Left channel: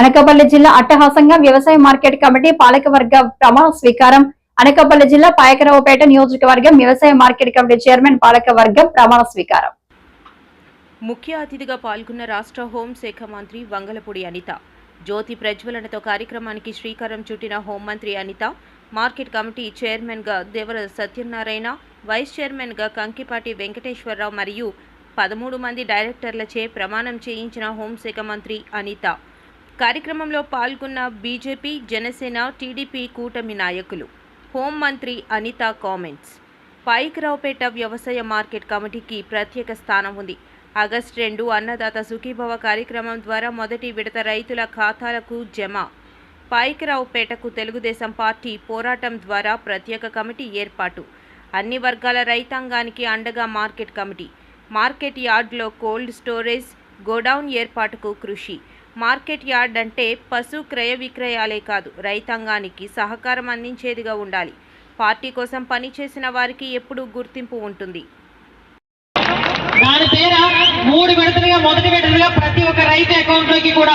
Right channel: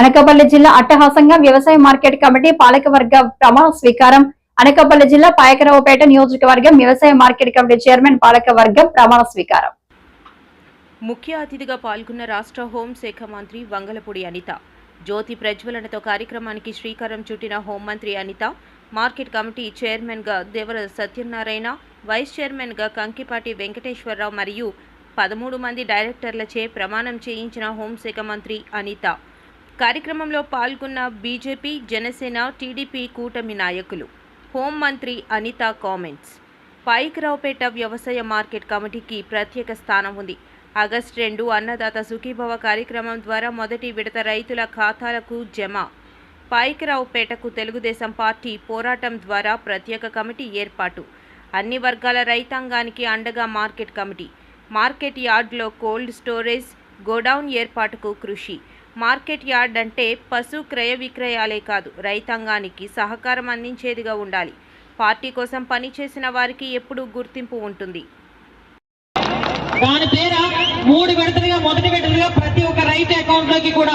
అనకాపల్లి జిల్లా అట్టహాసంగా వ్యవసాయ మార్కెట్ కమిటీ పాలకవర్గ ప్రమాణ స్వీకారం. అనకాపల్లి జిల్లా పాయకరావుపేట నియోజకవర్గం వ్యవసాయ మార్కెట్ కమిటీ చైర్మన్ పాలకవర్గం ప్రమాణ స్వీకారం. ముఖ్య అతిథిగా పాల్గొన్న రాష్ట్ర హోంశాఖ మంత్రి వంగలపూడి అనిత జ్యోతి ప్రజ్వలనతో కార్యక్రమానికి శ్రీకారం చుట్టిన హోంమంత్రి అనిత, మార్కెట్ కమిటీ చైర్మన్గా దేవర సత్యనారాయణ, వైస్ చైర్మన్గా కంకిపాటి వెంకటేశ్వరరావు మరియు 13 మంది డైరెక్టర్లచే ప్రమాణం చేయించిన హోంశాఖ మంత్రి అనిత. కార్యక్రమంలో పాల్గొన్న బీజేపీ, జనసేన, టీడీపీ కూటమి నాయకులు. హోంమంత్రి అనిత కామెంట్స్. పాయకరావుపేట వ్యవసాయ మార్కెట్ కమిటీకి ప్రత్యేక స్థానం ఉంది. ఆగస్టు 2 అన్నదాత సుఖీభవ కార్యక్రమం ద్వారా మొదటి విడత రైతుల ఖాతాలకు జమ. పాయకరావుపేటకు తెలుగుదేశం పార్టీ పోరాటం ద్వారా ప్రత్యేక కమిటీ ఏర్పాటు. అన్ని వర్గాల రైతాంగానికి అండగా మార్కెట్ కమిటీ. మార్కెట్ యార్డ్లో కోల్డ్ స్టోరేజ్, గోడౌన్ ఏర్పాటుకు కృషి. మార్కెట్ యార్డ్ అంటే పశు క్రయ విక్రయాలే కాదు, రైతాంగానికి సహకారం అందించేదిగా ఉండాలి. పార్టీ కోసం పనిచేసిన వారికి ఎప్పుడూ గుర్తింపు ఉంటుంది. దాని పేర 3 విడతలుగా మొదటి విడతలుగా ప్రతి ఒక్క రైతు అకౌంట్ లోకి కూడా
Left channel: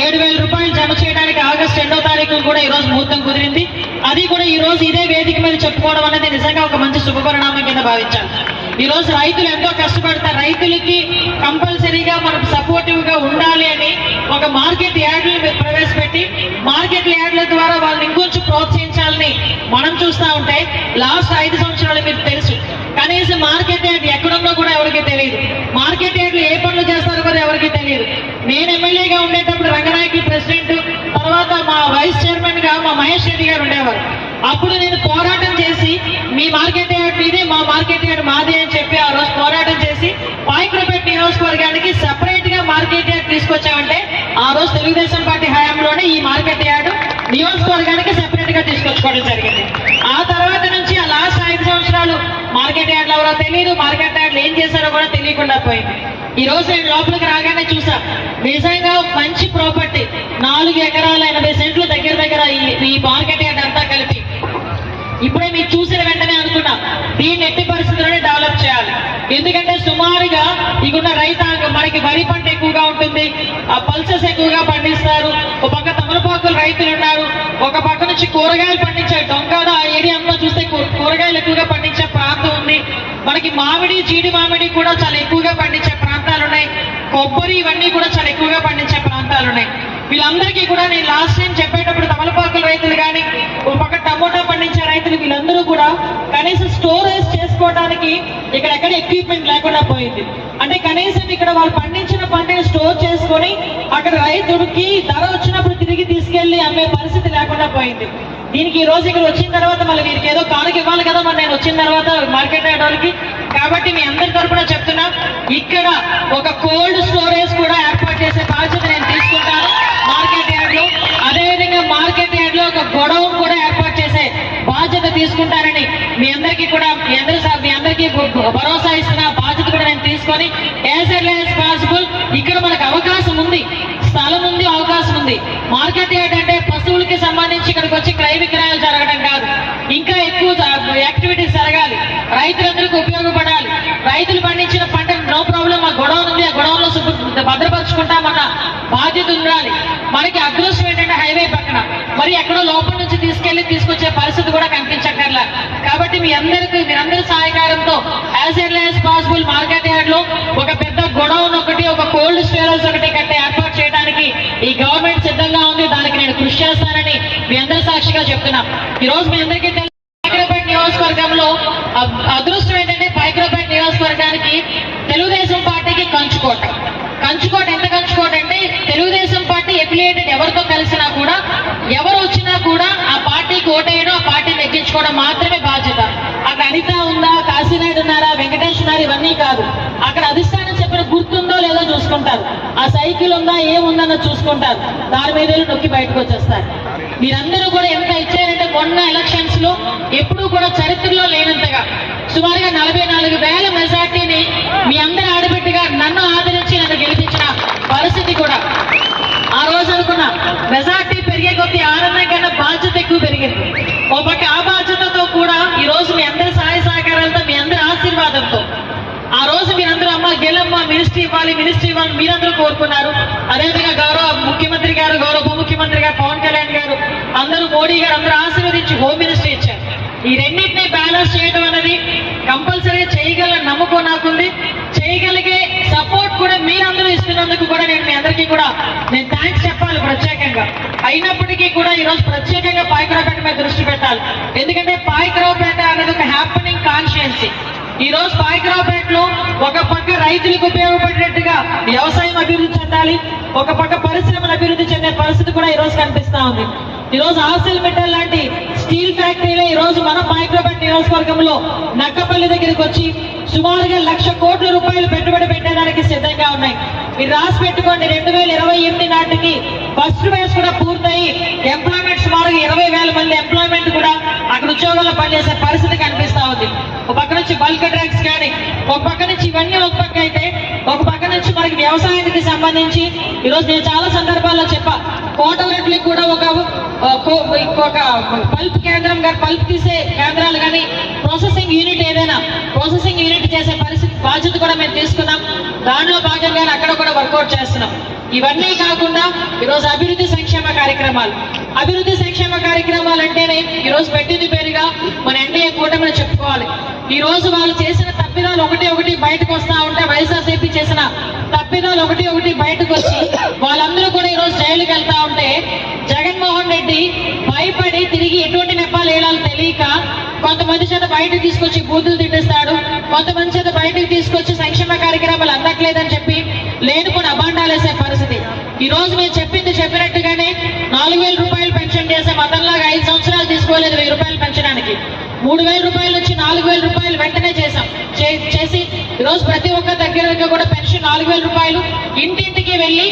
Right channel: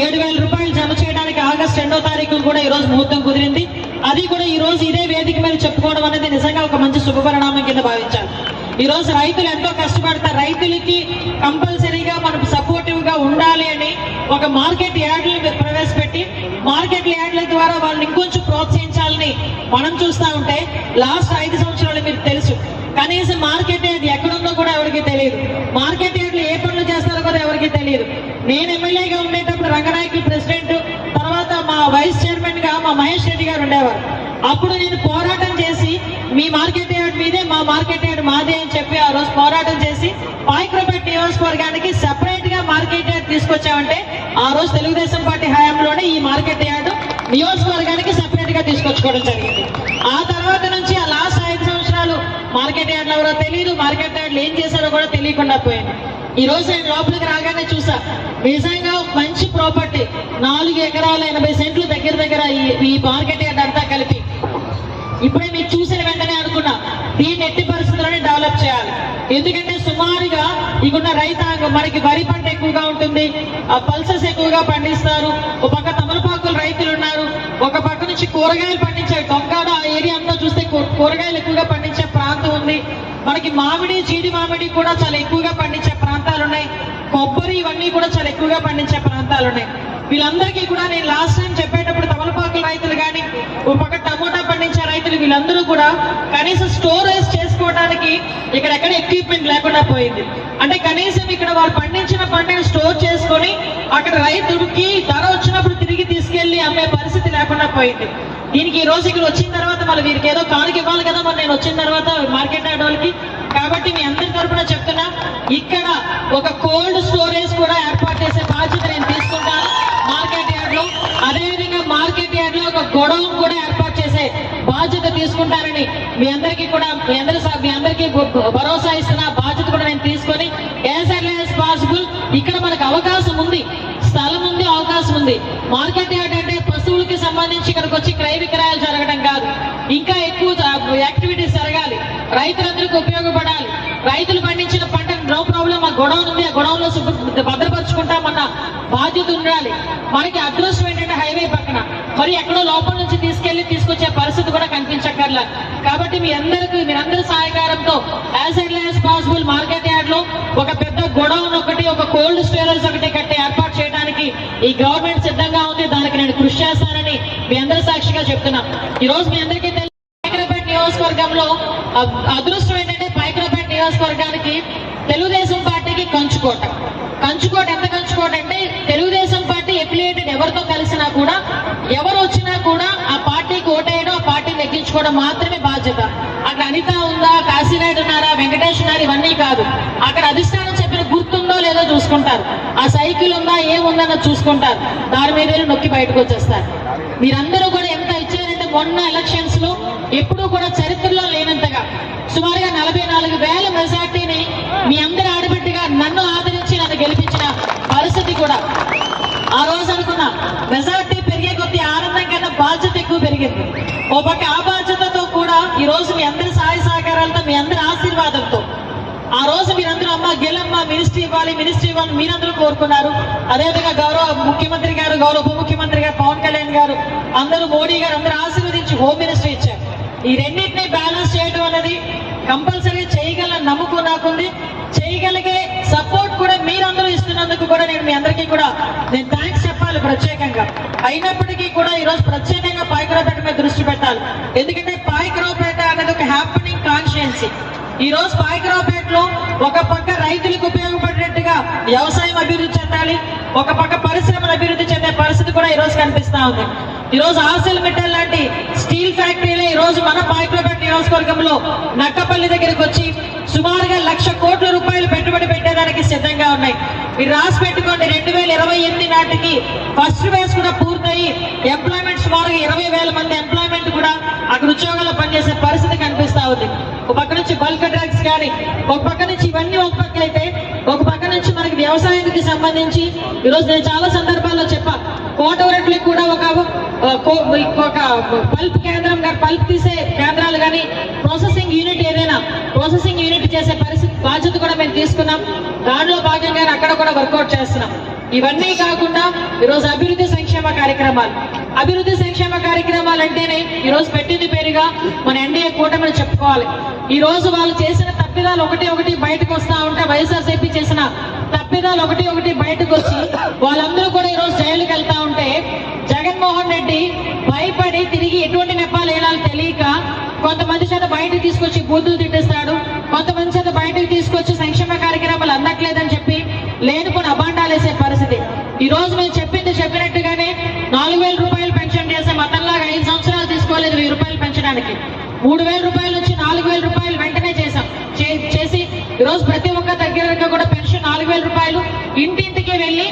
7,000 రూపాయలు జమ చేయడానికి ఆగస్టు 2వ తారీఖు కూడా ఈ రోజు ముహూర్తం కుదిరింది. అది కూడా ఈ రోజు ఇదే వేదిక మీద చెప్పుకోవడం అనేది నిజంగా ఒక మంచి శుభపరిణామం కింద భావించాలి. ఈ రోజు రైతులు ఎంతో కష్టపడతారు. రైతులకి కంపల్సరీగా మనం సపోర్టివ్ గా ఉండాలి అని ఒక మార్కెట్ యార్డులు ప్రవేశపెట్టి మార్కెట్ యార్డుల ద్వారా వాళ్ళని ఇంకొంచెం ప్రోత్సహించాలని మనం చూస్తూ ఉంటే లాస్ట్ 5 సంవత్సరాలు మీకు తెలుసు, కనీసం మార్కెట్ యార్డ్ ఎక్కడుందో కూడా ఎవరికి తెలియదు. మార్కెట్ యార్డ్లు ఏ పనులు చేస్తారో కూడా ఎవరికి తెలియదు. నేను ఎమ్మెల్యేగా ఉండేటప్పుడు రంగనాయకులు ప్రెసిడెంట్, తర్వాత మా వైస్ చైర్మన్ గా మా మహేష్ రెడ్డి గారు ఉండేవారు. అప్పుడు నేను పోరాటం చేసి మీ మార్కెట్ యార్డ్ మీదే, మా మార్కెట్ యార్డ్ మాదే అని చెప్పి ఆ రోజు పోరాటం చేసి పాయకరావుపేట నియోజకవర్గానికి సెపరేట్ గా మార్కెట్ యార్డ్ తీసుకొచ్చామంటే ఆ రోజు తెలుగుదేశం పార్టీ హయాంలోనే ఈ మార్కెట్ యార్డ్ నియోజకవర్గానికి సెపరేట్ గా తీసుకొచ్చుకోవడం జరిగింది. ఆ తర్వాత నుంచి ఆ లాస్ట్ 5 సంవత్సరాలు మార్కెట్ యార్డ్లు ఎవరో తెలియదు, మార్కెట్ యార్డ్లు ఏం చేశారో కూడా తెలియకుండా పోయింది. ఈ రోజు నేను లోపలికి రాగానే చూసా, నిజంగా మంచి ప్రాపర్టీ 4 ఎకరాల 80 సెంట్లు దగ్గర ఈ మార్కెట్ యార్డ్ అంతా కలిపి. ఇప్పుడే మీరు చూసిన వెంటనే అనుకున్నా దీన్ని ఎట్టి పరిస్థితుల్లోనే డెవలప్ చేయాలి. ఎందుకంటే సుమారుగా ఇకున్న రైతాంగం మనకి వరి పంట ఎక్కువగా ఉంటుంది, పల్సెస్ ఎక్కువగా పండిస్తారు, ఒక పక్క తమలపాకులు రైతులు ఉన్నారు, ఒక పక్క నుంచి కూరగాయలు పండించే దొంగడ ఆ ఏరియా అంతా చూస్తే కూరగాయలు ఎక్కువగా పండించే ప్రాంతం ఉంది. మనకి మామిడి, జీడి మామిడి కూడా చాలా ఎక్కువగా పండించే ప్రాంతాలు ఉన్నాయి. కొబ్బరి ఇవన్నీ కూడా చాలా ఎక్కువగా పండించే ప్రాంతాలు ఉన్నాయి. వీళ్ళందరికీ కూడా నేను లాస్ట్ టైం చెప్పేటప్పుడు తమలపాకుల రైతులు కానీ, ఒక పక్క టమోటా పండించే రైతులు, వీళ్ళందరూ కూడా కనీసం స్టోరేజ్ చేసుకోవడానికి ఇక్కడెక్కడ ఎక్విప్మెంట్ లేకుండా పోయింది. అంటే కనీసం ఇక్కడ వాళ్ళు పండించిన పంటని స్టోర్ చేసుకొని అక్కడ రైతులకి ధర వచ్చినప్పుడు తిరిగి తీసుకెళ్లి అమ్మే పరిస్థితి లేకుండా పోయింది. దీనికి ఈ రోజు ఇక్కడ వచ్చిన తర్వాత మళ్ళీ వీరికి ఏదో కానుక ఇవ్వాలి కదా మరి నేను వచ్చిన తర్వాత మార్కెట్ యార్డ్ వాళ్ళకి. కాబట్టి మీ అందరి తరఫున చెప్తున్నా, ఇక్కడ ఒక కోల్డ్ స్టోరేజ్ కూడా ఏర్పాటు చేసే బాధ్యత నేను తీసుకుంటాను మార్కెట్ యార్డ్ లో. అదేవిధంగా మార్కెట్ యార్డ్ లో ఒక గొడౌన్ కూడా ఏర్పాటు చేసే బాధ్యత తీసుకుంటానని మీ అందరికీ భరోసా ఇస్తున్న బాధ్యత కూడా నేను తీసుకొని యాజ్ ఎర్లీ యాజ్ పాసిబుల్ ఇక్కడ మనకు అవకాశం ఉంది, స్థలం ఉంది, అవకాశం ఉంది. మార్కెట్ యార్డ్ అంటే పశువులకి సంబంధించి ఇక్కడికి వచ్చి క్రయ విక్రయాలు జరగడం కాదు, ఇంకా ఎక్కువ యాక్టివిటీస్ జరగాలి, రైతులందరికీ ఉపయోగపడాలి. రైతులు పండించిన పంట నో ప్రాబ్లం, ఆ గొడవన్ ఉంది, ఆ గొడవలో భద్రపరుచుకుంటామన్న బాధ్యత ఉండాలి. మనకి అదృష్టం ఏంటంటే హైవే పక్కన, మరి ఎక్కడో లోపల నుంచి తీసుకొచ్చే పరిస్థితి కూడా కనిపించక్కర్లా. కాబట్టి మీ అందరి సహకారంతో as early as possible market yard లో ఒక పెద్ద గొడౌన్ ఒకటి, ఒక కోల్డ్ స్టోరేజ్ ఒకటి కట్టే ఏర్పాటు చేయడానికి ఈ గవర్నమెంట్ సిద్ధంగా ఉంది. దానికి నేను కృషి చేస్తానని మీ అందరి సాక్షిగా చెప్తున్నా. ఈ రోజు మీ అందరికీ పాయకరావుపేట నియోజకవర్గంలో అదృష్టం ఏంటంటే పాయకరావుపేట నియోజకవర్గానికి తెలుగుదేశం పార్టీకి కంచుకోట ఎంత కంచుకోట అంటే తెలుగుదేశం పార్టీ ఎఫిలియేటెడ్ ఎవరితో కలిసినా కూడా, ఎవరు వచ్చినా కూడా ఆ పార్టీకి ఓటేయడం, ఆ పార్టీని ఎక్కించుకోవడం మాత్రమే బాధ్యత. అక్కడ అనిత ఉందా, కాశీనాయుడు ఉన్నారా, వెంకటేష్ ఉన్నారు, ఇవన్నీ కాదు. అక్కడ అధిష్టానం చెప్పిన గుర్తుందో లేదో చూసుకుంటారు, ఆ సైకిల్ ఉందా ఏముందన్నో చూసుకుంటారు, దాని మీద నొక్కి బయటకు వచ్చేస్తారు. మీరందరూ కూడా ఎంత ఇచ్చారంటే మొన్న ఎలక్షన్స్ లో ఎప్పుడూ కూడా చరిత్రలో లేనంతగా సుమారుగా 44,000 మెజార్టీని మీ అందరి ఆడబిడ్డగా నన్ను ఆదరించి నన్ను గెలిపించిన పరిస్థితి కూడా. ఆ రోజు అనుకున్నా మెజార్టీ పెరిగే కొద్దీ ఆనందం కన్నా బాధ్యత ఎక్కువ పెరిగింది. ఓ పక్క ఆ బాధ్యతతో కూడా ఈ రోజు మీ అందరి సహాయ సహకారాలతో, మీ అందరి ఆశీర్వాదంతో ఆ రోజు మీరందరూ అమ్మ గెలమ్మ మినిస్ట్రీ ఇవ్వాలి ఇవ్వాలి, మినిస్ట్రీ ఇవ్వాలి మీరందరూ కోరుకున్నారు. అదేవిధంగా గౌరవ ముఖ్యమంత్రి గారు, గౌరవ ఉప ముఖ్యమంత్రి గారు, పవన్ కళ్యాణ్ గారు, అందరూ మోడీ గారు అందరూ ఆశీర్వదించి హోమ్ మినిస్ట్రీ ఇచ్చారు. ఈ రెండింటినీ బ్యాలెన్స్ చేయడం అనేది కంపల్సరీగా చేయగల నమ్మకం నాకుంది. చేయగలిగే సపోర్ట్ కూడా మీరందరూ ఇస్తున్నందుకు కూడా నేను మీ అందరికీ కూడా నేను థ్యాంక్స్ చెప్పాలి ప్రత్యేకంగా. అయినప్పటికీ కూడా ఈరోజు ప్రత్యేకంగా పాయకరావుపేట మీద దృష్టి పెట్టాలి. ఎందుకంటే పాయకరావుపేట అనేది ఒక హ్యాపెనింగ్ కాన్స్టిట్యుయెన్సీ. ఈ రోజు పాయకరావుపేటలో ఒక పక్క రైతులకు ఉపయోగపడేట్టుగా వ్యవసాయం అభివృద్ధి చెందాలి, ఒక పక్క పరిశ్రమలు అభివృద్ధి చెందే పరిస్థితి కూడా ఈ రోజు కనిపిస్తా ఉంది. ఈ రోజు ఆర్సెల్ మెటల్ లాంటి స్టీల్ ఫ్యాక్టరీలో ఈ రోజు మన పాయకరావుపేట నియోజకవర్గంలో నక్కపల్లి దగ్గరికి వచ్చి సుమారుగా 1,00,000 కోట్ల రూపాయలు పెట్టుబడి పెట్టేదానికి సిద్ధంగా ఉన్నాయి. మీరు రాసి పెట్టుకోండి, 2028 నాటికి ఫస్ట్ ఫేజ్ కూడా పూర్తయి ఎంప్లాయ్మెంట్ సుమారుగా 20,000 మంది ఎంప్లాయ్మెంట్ కూడా అక్కడ ఉద్యోగాల్లో పనిచేసే పరిస్థితి కనిపిస్తా ఉంది. ఒక పక్క నుంచి బల్క్ డ్రగ్స్ కానీ, ఒక పక్క నుంచి ఇవన్నీ ఒక పక్క అయితే, ఒక పక్క నుంచి మనకి వ్యవసాయానికి సంబంధించి ఈరోజు నేను చాలా సందర్భాల్లో చెప్పా, కోటవరట్లకు కూడా ఒక పల్ప్ కేంద్రం కానీ, పల్ప్ తీసే కేంద్రాలు కానీ, ప్రాసెసింగ్ యూనిట్ ఏదైనా ప్రాసెసింగ్ యూనిట్ చేసే పరిస్థితి బాధ్యత కూడా మేము తీసుకున్నాం. దానిలో భాగంగా అక్కడ కూడా వర్కౌట్ చేస్తున్నాం. ఇవన్నీ కాకుండా ఈరోజు అభివృద్ధి సంక్షేమ కార్యక్రమాలు అంటేనే ఈరోజు పెట్టింది పేరుగా మన ఎన్డీఏ కూటమిని చెప్పుకోవాలి. ఈ రోజు వాళ్ళు చేసిన తప్పిదాలు ఒకటి బయటకు వస్తా ఉంటే, వైఎస్ఆర్సీపీ చేసిన తప్పిదాలు ఒకటి బయటకు వచ్చి వాళ్ళందరూ కూడా ఈరోజు జైలుకి వెళ్తా ఉంటే, జగన్మోహన్ రెడ్డి భయపడి తిరిగి ఎటువంటి నెపాలు వేయాలో తెలియక కొంతమంది చేత బయటకు తీసుకొచ్చి బూతులు తిట్టిస్తాడు, కొంతమంది చేత బయటకు తీసుకొచ్చి సంక్షేమ కార్యక్రమాలు అందట్లేదని చెప్పి లేనుకొని అబాండాలు వేసే పరిస్థితి. ఈ రోజు మేము చెప్పినట్టుగానే 4,000 రూపాయలు పెన్షన్ చేసాం. అతనిలాగా 5 సంవత్సరాలు తీసుకోలేదు 1,000 రూపాయలు పెంచడానికి. 3,000 రూపాయల నుంచి 4,000 రూపాయలు వెంటనే చేసి ఈరోజు ప్రతి ఒక్క దగ్గర కూడా పెన్షన్ 4,000 రూపాయలు ఇంటింటికి వెళ్ళి